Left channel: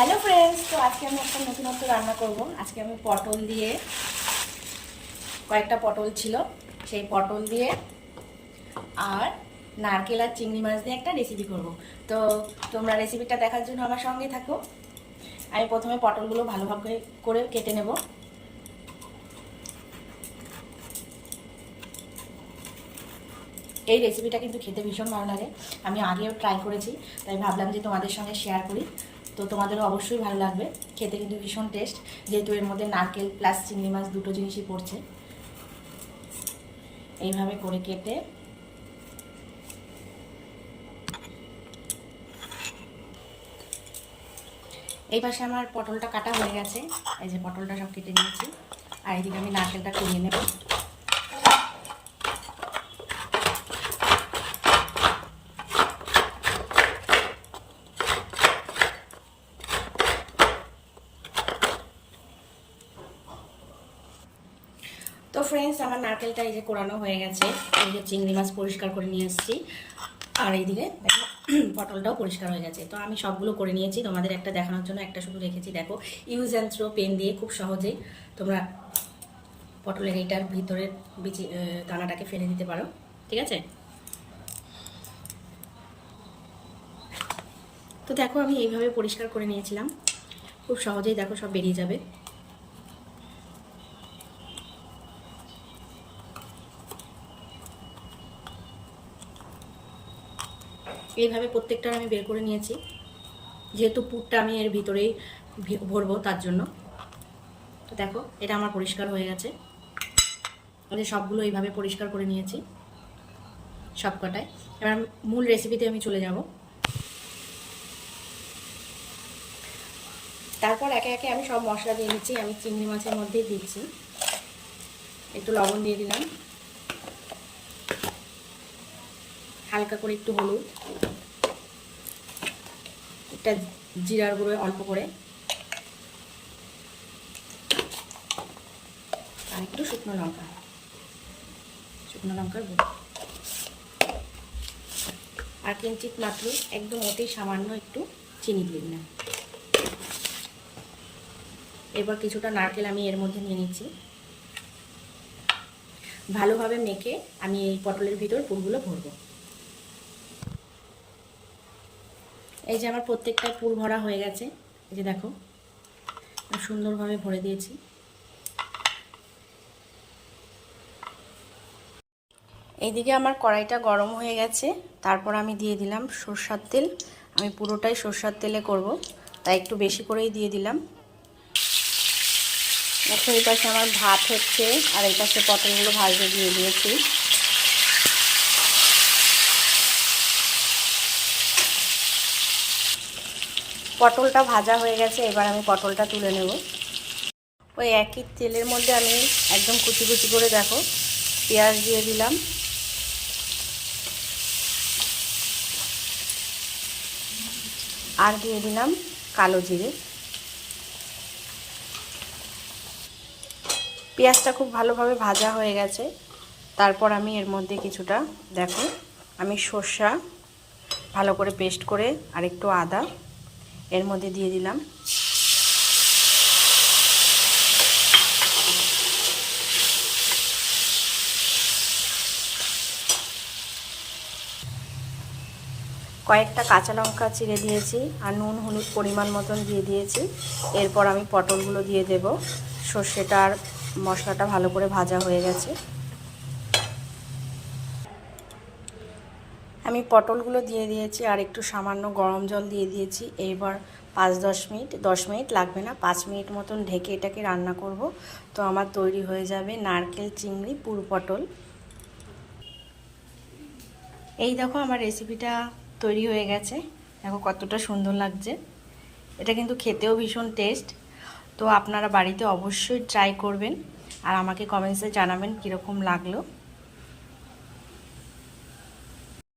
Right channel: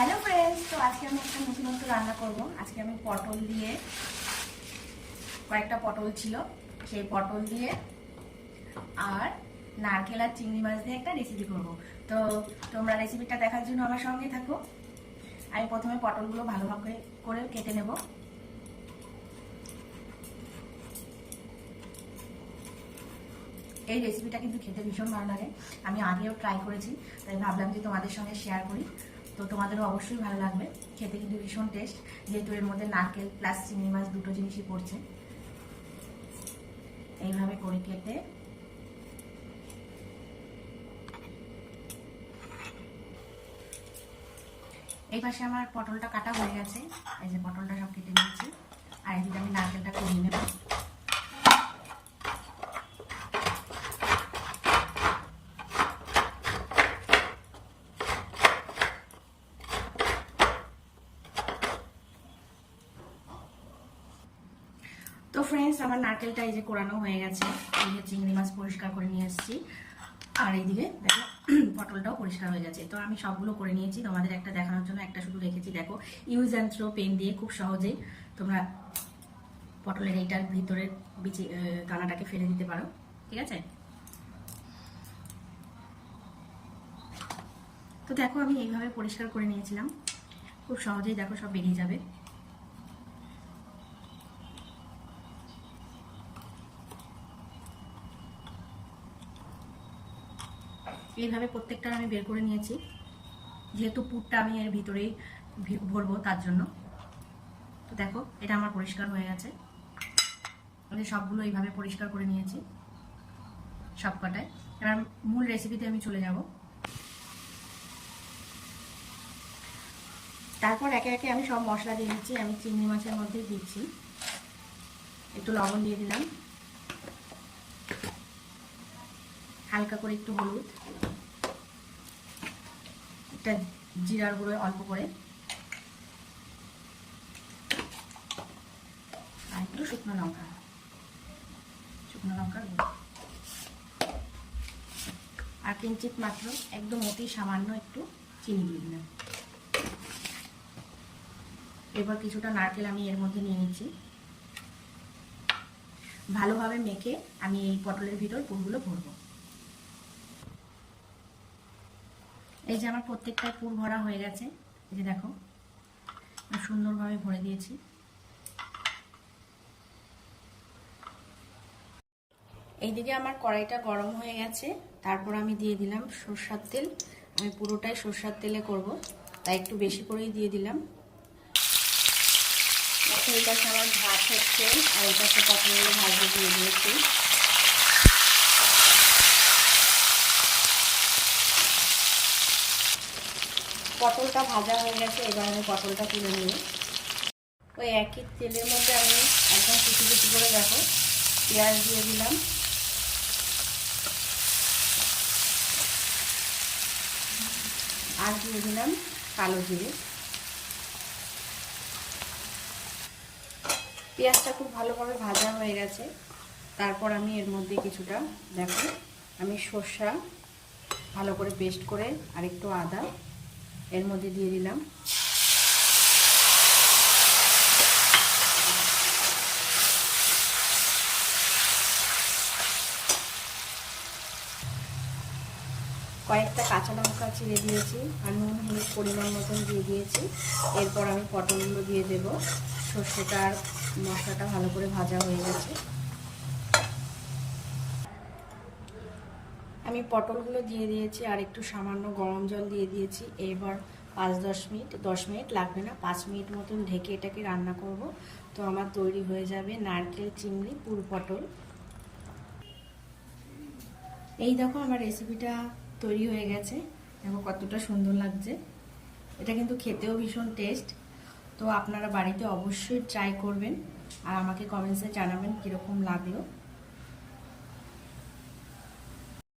Hello friends তো আজকে আমি একটা নতুনত্ব রান্না করব। আজকে আমি পটল দিয়ে কয়েকটা পটল ছিল। সেই পটল দিয়ে আর নারকেল আর চিংড়ি মাছ দিয়ে একটা রেসিপি করব। তো তোমরা রেসিপিটা দেখার জন্য আমার সঙ্গে থাকো। আমি প্রথমে পটলগুলো ভালোভাবে করে কেটে নেব। এই রেসিপিটা কিন্তু খেতে ভীষণ ভালো লাগে। আমি আগেও ট্রাই করেছি, তাই ভাবলাম যে তোমাদের সঙ্গে শেয়ার করি। তো তোমাদেরও অবশ্যই ভালো লাগবে। খেতে কিন্তু ভীষণ টেস্ট যেহেতু এর মধ্যে নারকেল প্লাস চিংড়ি মাছ দুটো জিনিসই পড়ছে। এইভাবে করে কেটে এই পাশে আমার পটলটা কাটা হয়ে গেছে। এই যে পটলটা সব কেটে নিয়েছি। আর এদিকে আমি নারকেলটা কুড়িয়ে নেব। তো ফ্রেন্ডস আমার নারকেলটা এই যে কোরানো হয়ে গেছে। এই যে চিংড়ি মাছ পরিষ্কার করে নিয়ে এসেছি। আর এইদিকে দেখো, পটলটাও পরিষ্কার হয়ে গেছে। তো আমি সবগুলো করে নিয়েছি। তোমাদের একটা দেখানোর জন্য একটা শুধু রেখেছি। দেখো ইউজ অ্যান্ড থ্রো পেন দিয়ে খুব সহজেই তোমরা পটলের এইটার ভিতরে বিচি দানাটাকে ফেলে দিতে পারো। ঠিক আছে? তো দেখো, আমি এইভাবে পরিষ্কার করে নিয়েছিলাম। খুব সহজেই দেখো সব বেরিয়ে যাবে। এইভাবে প্রত্যেকটার আমি বের করে নিয়েছি। যেহেতু পুরটা আমি এর ভিতরেই ভরবো তার জন্য। তো দেখো, এটা আমার পরিষ্কার হয়ে গেছে। আমাদের সবগুলো এইভাবে পরিষ্কার করে নিয়েছি সব কটায় এবার মূল রেসিপিতে আমি চলে যাব। তারপর একে একে আমি সব মশলা দিয়ে নিচ্ছি, আমি চিংড়ি মাছের মধ্যেই দিচ্ছি। একটু লবণ দিয়ে দিলাম। হালকা করে একটু হলুদ। একটা জিরার গুঁড়ো অল্প করে। আর একটু শুকনো লঙ্কা। শুকনো লঙ্কার গুঁড়ো। আর কিঞ্চিত মাত্র একদম অতি সামান্য একটু চিনি দিয়ে দিলাম। এবার কিছুটা নারকেল আমি এর মধ্যে নিয়ে নিচ্ছি। ভালোভাবে মেখে আমি এই পটলের ভিতর ফুলগুলো ভরবো। এই যে আমার প্রত্যেকটাই পুর ভরা হয়ে গেছে, এই যে দেখো সুন্দরভাবে ভরে দিয়েছি। এইদিকে আমার কড়াইটা গরম হয়ে গেছে, তারপর আমি দিয়ে দিলাম সর্ষার তেল। আমি পুরোটাই সর্ষার তেলে করব, তাই একটু বেশি করেই দিয়ে দিলাম। এই পাশে আমার ভাত হচ্ছে, আর এই পাশে পটলগুলো ভাজতে দিয়ে দিয়েছি। পটলটা ভাজা হয়ে গেছে, এবার আমি পটলটা তুলে নেব। ওই একই তেলের মধ্যে আমি একদম কুচি কুচি করে দেখো, পেঁয়াজ দিয়ে দিলাম। আর দিয়ে দিলাম কালো জিরে। পেঁয়াজটা খুব ভালোভাবে ভাজা হয়ে গেছে। তারপর আমি এর মধ্যে কিছুটা, দেখো, আমি সর্ষা ভালো করে পেস্ট করে আর একটু আদা এর মধ্যে দিয়ে দিলাম। কয়েকটা কাঁচা লঙ্কা চিড়ে দিয়েছি আর নুন, হলুদ পরিমাণ মতন দিয়ে দিয়েছি। এরপর আমি পটলগুলো দিয়ে দেব। সর্ষেটা আর মশলাটা ভালো করে ভাজা হয়ে গেছে। আমি পটলগুলো দিয়ে দিয়েছি আর একটু সামান্য গরম জল দিয়ে দিয়েছি। এইবার পাঁচ দশ মিনিট দশ মিনিট লাগবে না, পাঁচ মিনিট মতন ঢেকে এটাকে রান্না করব। তো আমার তৈরি হয়ে যাবে নারকেল, চিংড়ি, পুর পটল। এই দেখো আমার রেসিপিটা তৈরি হয়ে গেছে। দেখো কতটা সুন্দর লাগছে। এটা কিন্তু খেতেও ভীষণ টেস্ট তো আপনারা বাড়িতে অবশ্যই ট্রাই করবেন। আর আমাকে কমেন্টসে জানাবেন কীরকম লাগল।